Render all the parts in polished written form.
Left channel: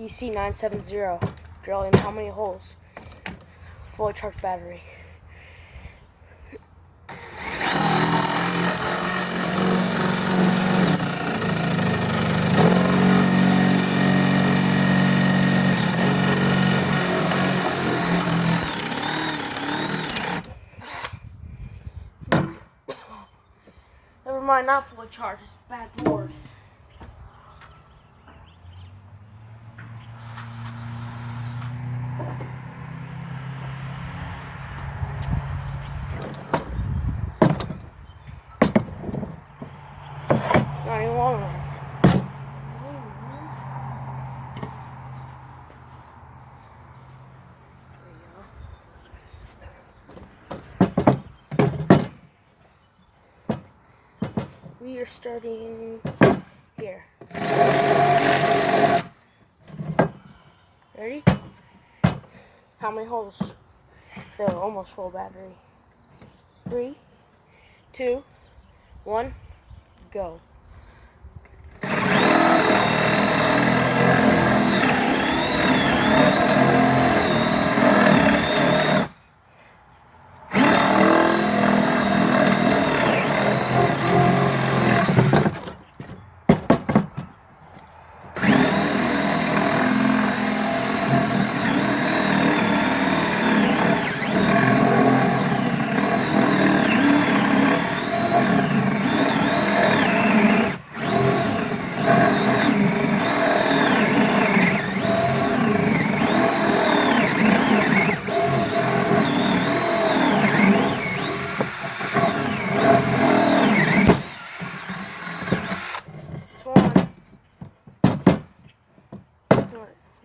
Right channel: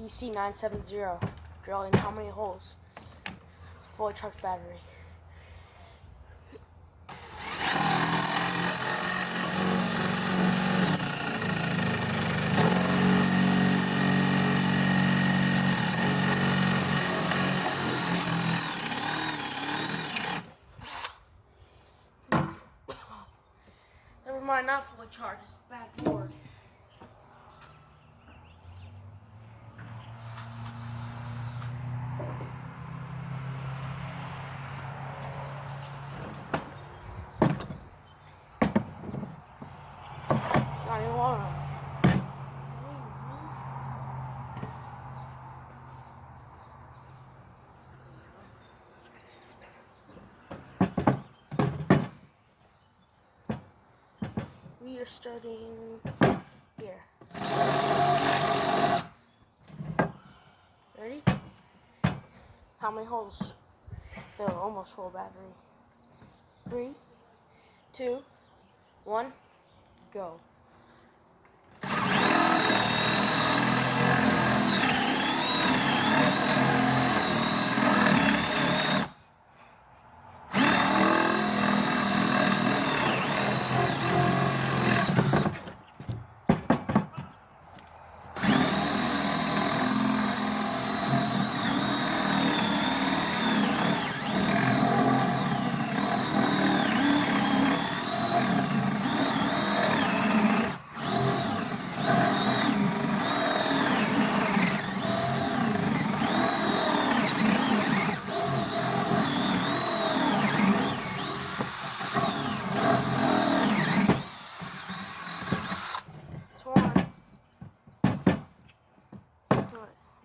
DC970. Drill in how many holes? Fully charged battery. Never mind, not fully charged. It's bad board. It's not even long enough. We are starting here. Ready? How many holes? So almost full battery. 3, 2, 1, go.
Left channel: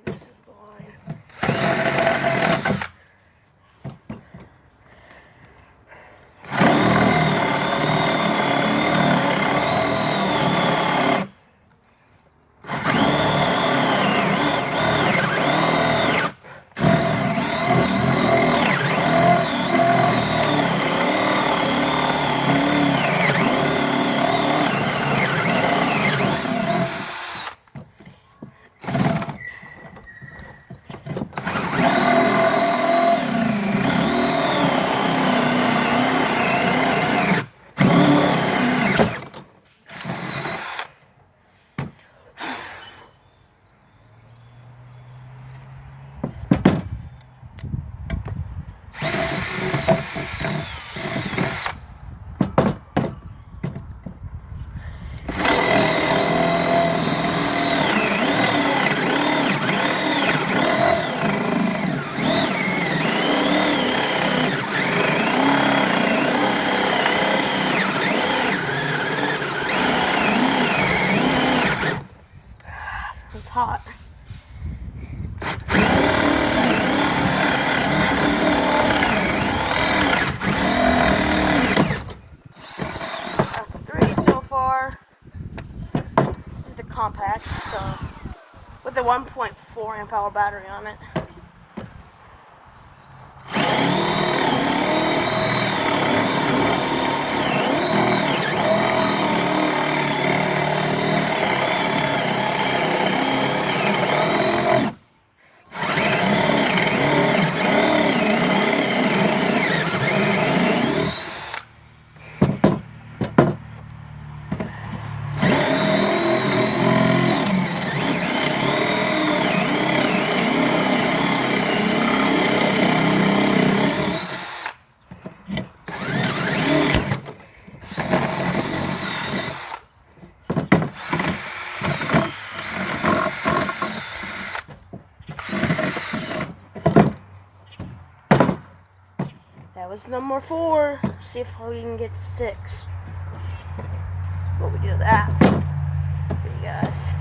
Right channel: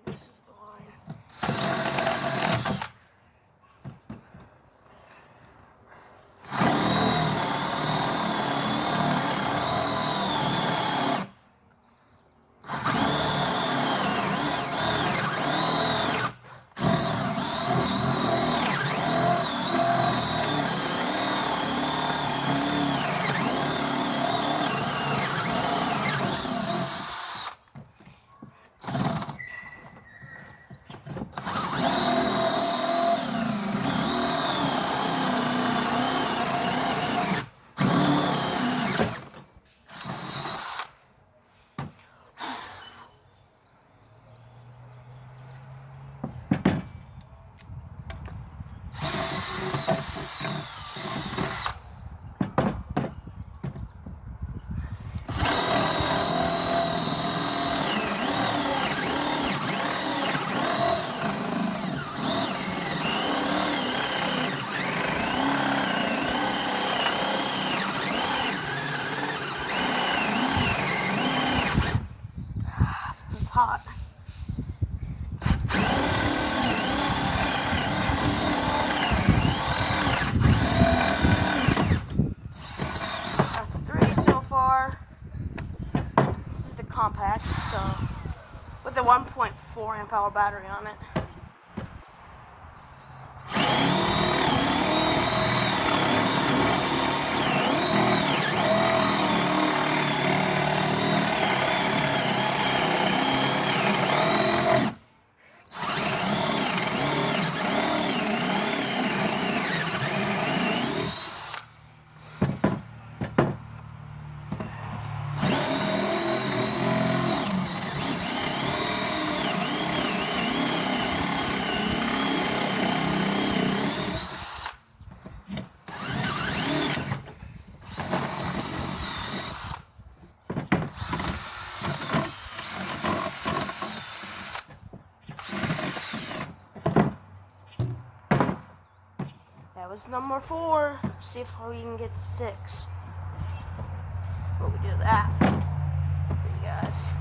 This is the line. It's hot. That's 3 so far. This is the compact, so with the 1.4 amp hour battery on it. That was number 4. See if we can get 6. But we do that for you guys.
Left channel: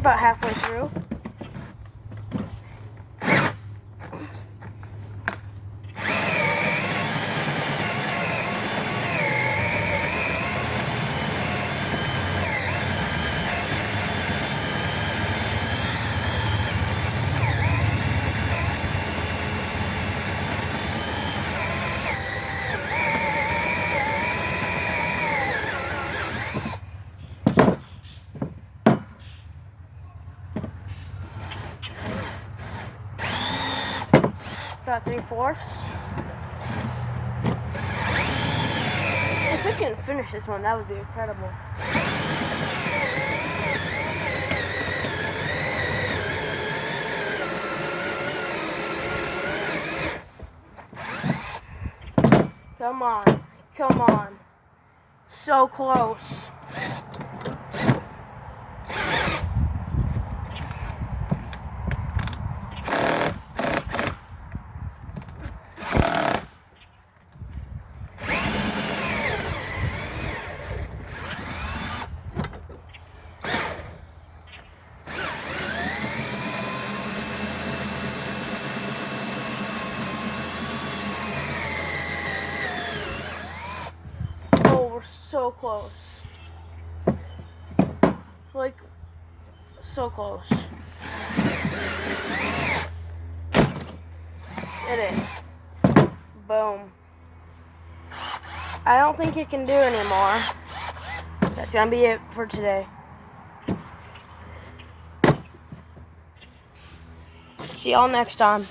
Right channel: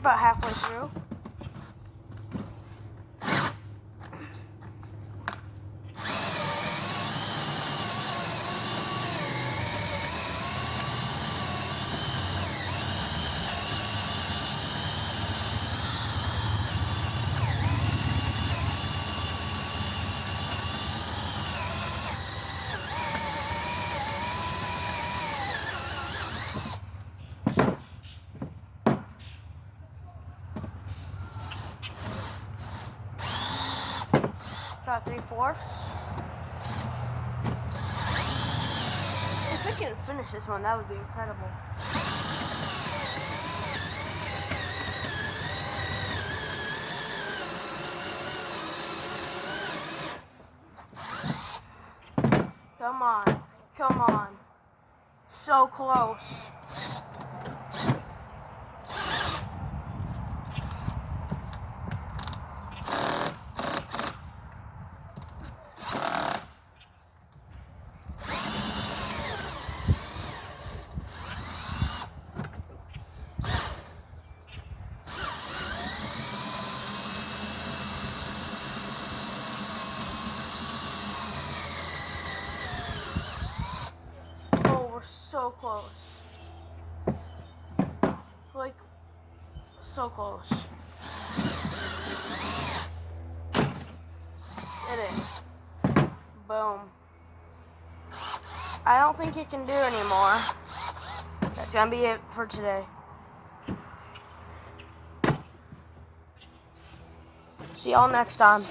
about halfway through. About 3/4. If we can finish this one, that would be incredible. Come on. Come on. So close. So close. Like, so close. It is. Boom. I don't think it can do anymore. That's gonna be it for today. See y'all next time.